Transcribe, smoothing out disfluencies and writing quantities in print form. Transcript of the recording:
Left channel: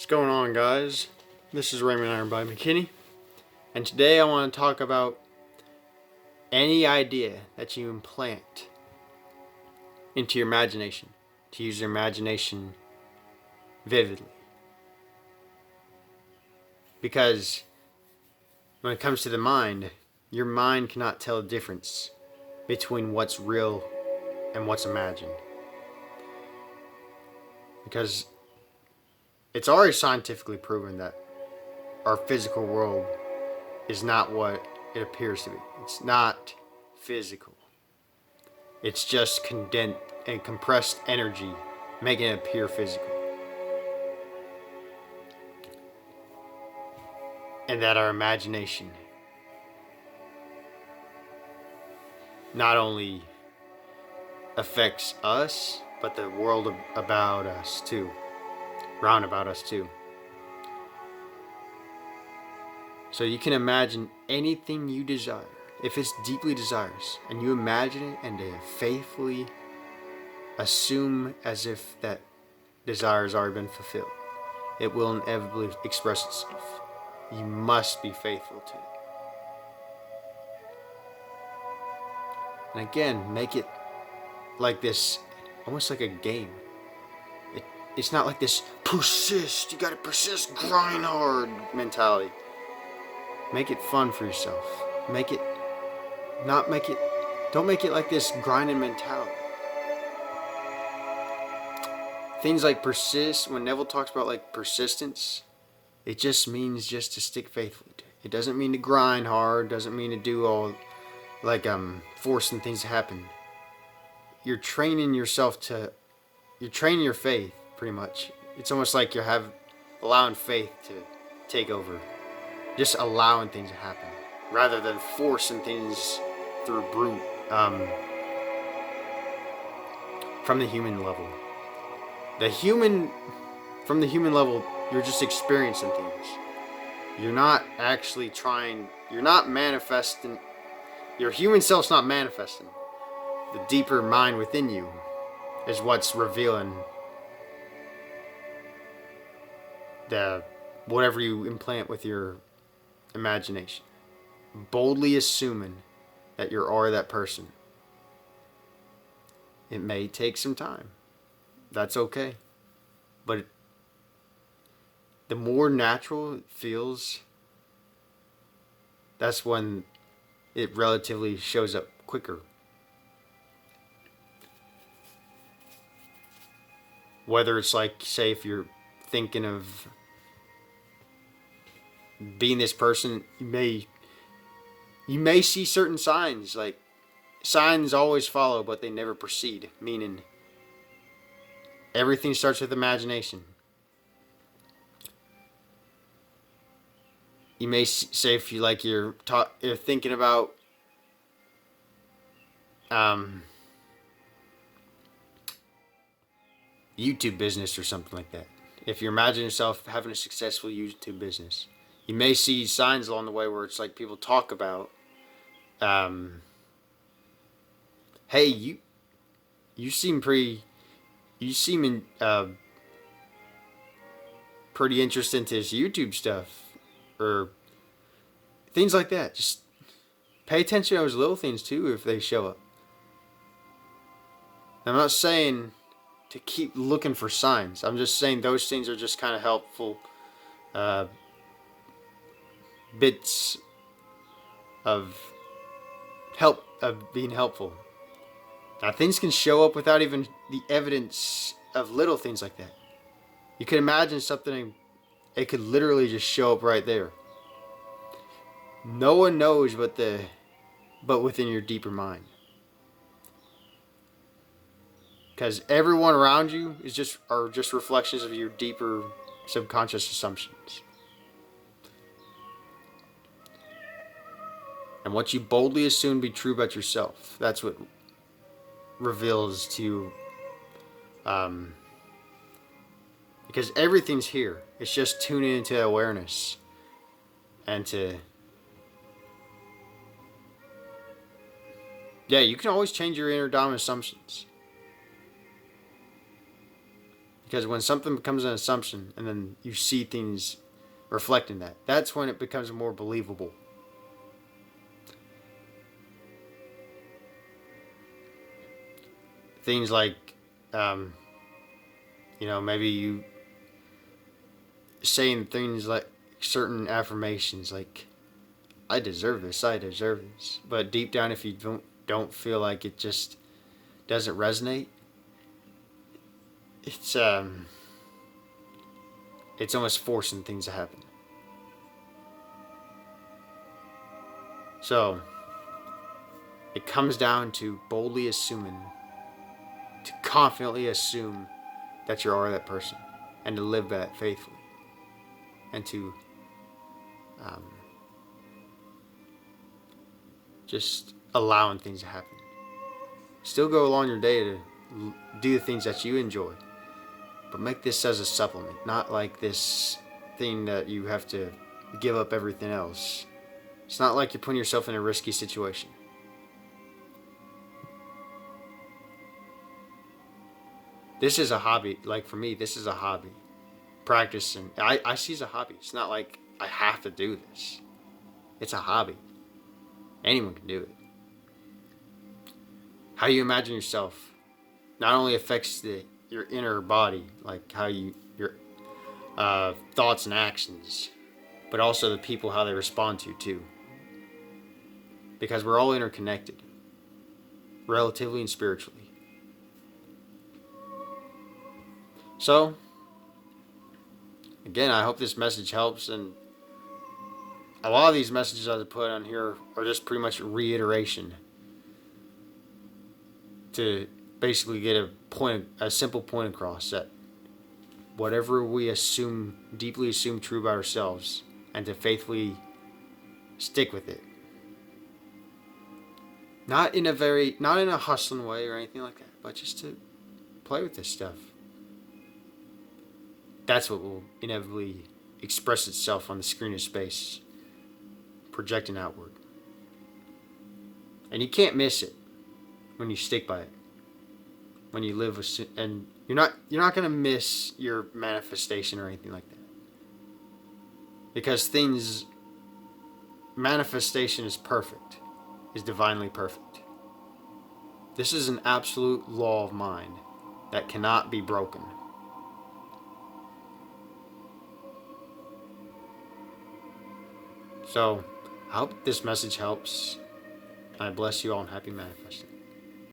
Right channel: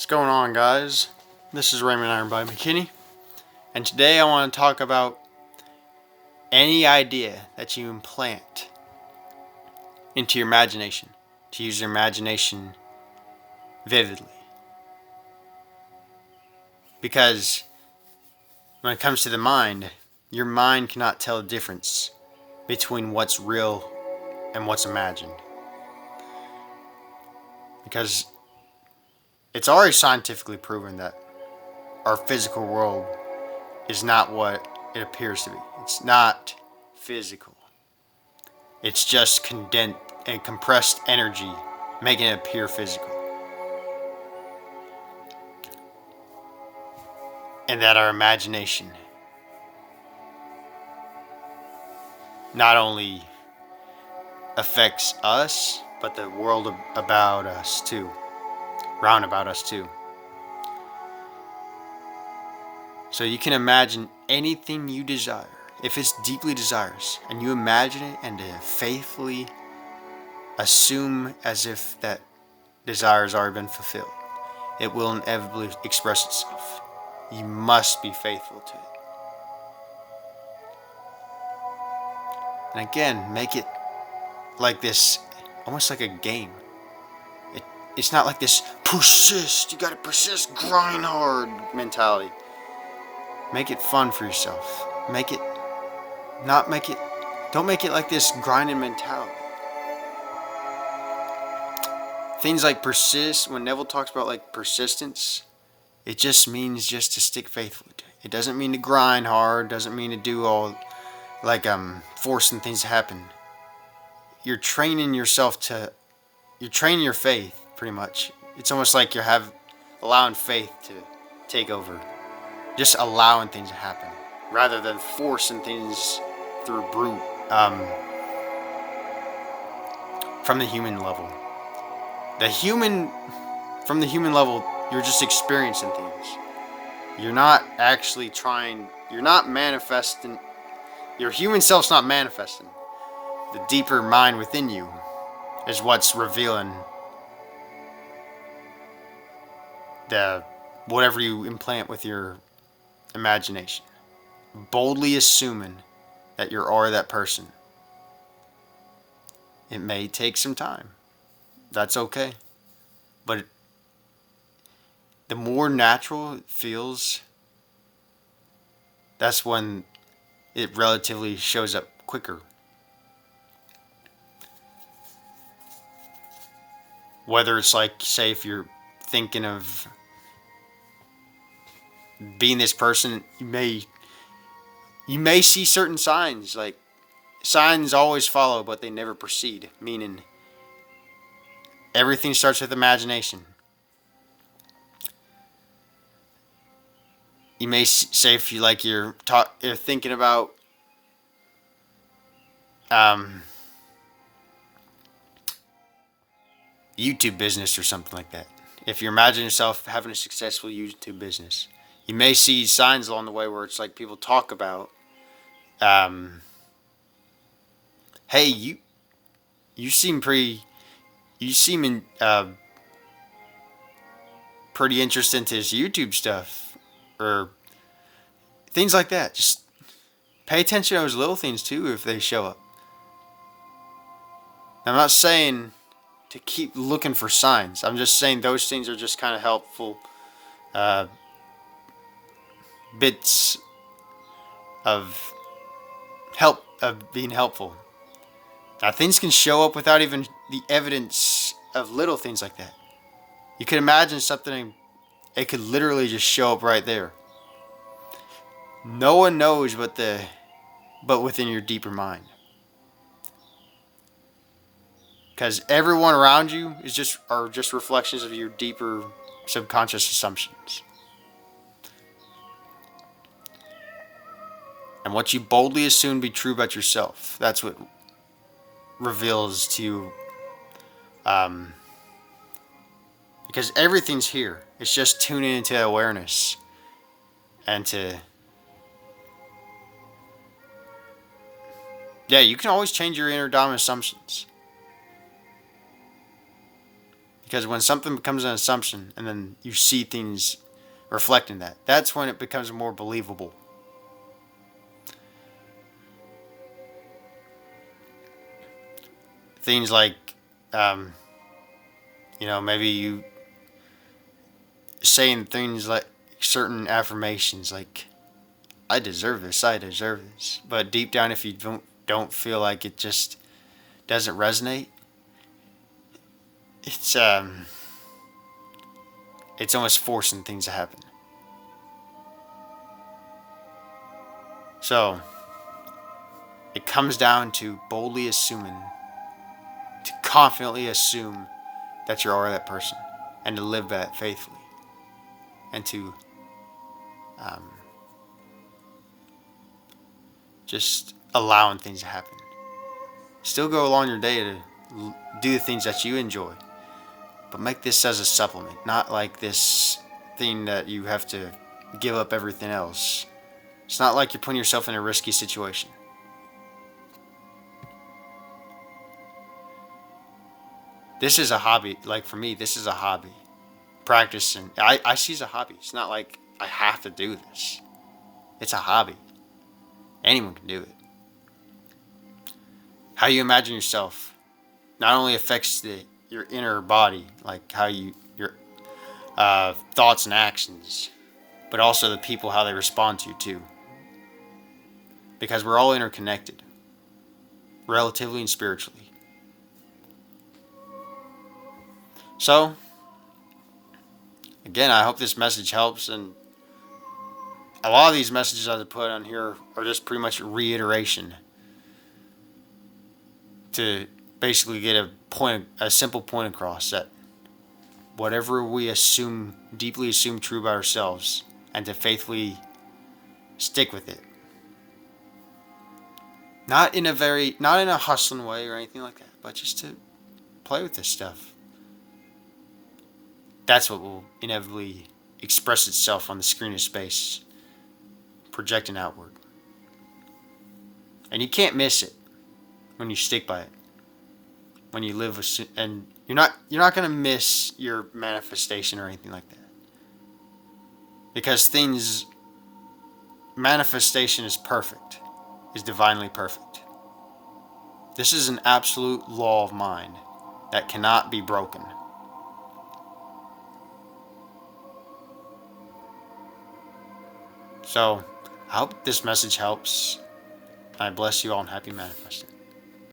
What's going on, guys? This is Raymond Ironbody McKinney, and today I want to talk about any idea that you implant into your imagination, to use your imagination vividly. Because when it comes to the mind, your mind cannot tell the difference between what's real and what's imagined. Because it's already scientifically proven that our physical world is not what it appears to be. It's not physical. It's just condensed and compressed energy, making it appear physical. And that our imagination not only affects us, but the world about us too, round about us too. So you can imagine anything you desire, if it's deeply desirous, and you imagine it and to faithfully assume as if that desire has already been fulfilled. It will inevitably express itself. You must be faithful to it. And again, make it like this, almost like a game. It's not like this persist, you gotta persist, grind hard mentality. Make it fun for yourself. Don't make it like this grinding mentality. Things like persist, when Neville talks about like persistence, it just means just to stick faithfully to it. It doesn't mean to grind hard, doesn't mean to do all like forcing things to happen. You're training your faith pretty much. It's almost like you're allowing faith to take over. Just allowing things to happen rather than forcing things through brute from the human level. From the human level, you're just experiencing things. You're not actually you're not manifesting, your human self's not manifesting. The deeper mind within you is what's revealing whatever you implant with your imagination. Boldly assuming that you're already that person. It may take some time. That's okay. But the more natural it feels, that's when it relatively shows up quicker. Whether it's like, say, if you're thinking of being this person, you may see certain signs, like signs always follow, but they never proceed, meaning everything starts with imagination. You may say, if you like, you're thinking about YouTube business or something like that. If you imagine yourself having a successful YouTube business, you may see signs along the way where it's like people talk about, hey, you seem pretty interested into this YouTube stuff, or things like that. Just pay attention to those little things too if they show up. I'm not saying to keep looking for signs. I'm just saying those things are just kind of helpful bits of being helpful. Now, things can show up without even the evidence of little things like that. You could imagine something, it could literally just show up right there. No one knows but within your deeper mind. Because everyone around you are just reflections of your deeper subconscious assumptions. And what you boldly assume to be true about yourself, that's what reveals to you. Because everything's here. It's just tuning into awareness and you can always change your inner dominant assumptions. Because when something becomes an assumption and then you see things reflecting that, that's when it becomes more believable. Things like, maybe you saying things like certain affirmations like, I deserve this, I deserve this. But deep down, if you don't feel like it just doesn't resonate, it's almost forcing things to happen. So it comes down to boldly assuming, to confidently assume that you are that person, and to live by that faithfully, and to just allowing things to happen. Still go along your day to do the things that you enjoy, but make this as a supplement, not like this thing that you have to give up everything else. It's not like you're putting yourself in a risky situation. This is a hobby. Like for me, this is a hobby. Practicing. I see it as a hobby. It's not like I have to do this. It's a hobby. Anyone can do it. How you imagine yourself not only affects your inner body, like how your thoughts and actions, but also the people, how they respond to you too. Because we're all interconnected, relatively and spiritually. So, again, I hope this message helps. And a lot of these messages I put on here are just pretty much reiteration to basically get a simple point across, that whatever we deeply assume true about ourselves, and to faithfully stick with it. Not in a hustling way or anything like that, but just to play with this stuff. That's what will inevitably express itself on the screen of space, projecting outward. And you can't miss it when you stick by it. When you live and you're not going to miss your manifestation or anything like that. Because manifestation is perfect, is divinely perfect. This is an absolute law of mind that cannot be broken. So, I hope this message helps. I bless you all and happy manifesting.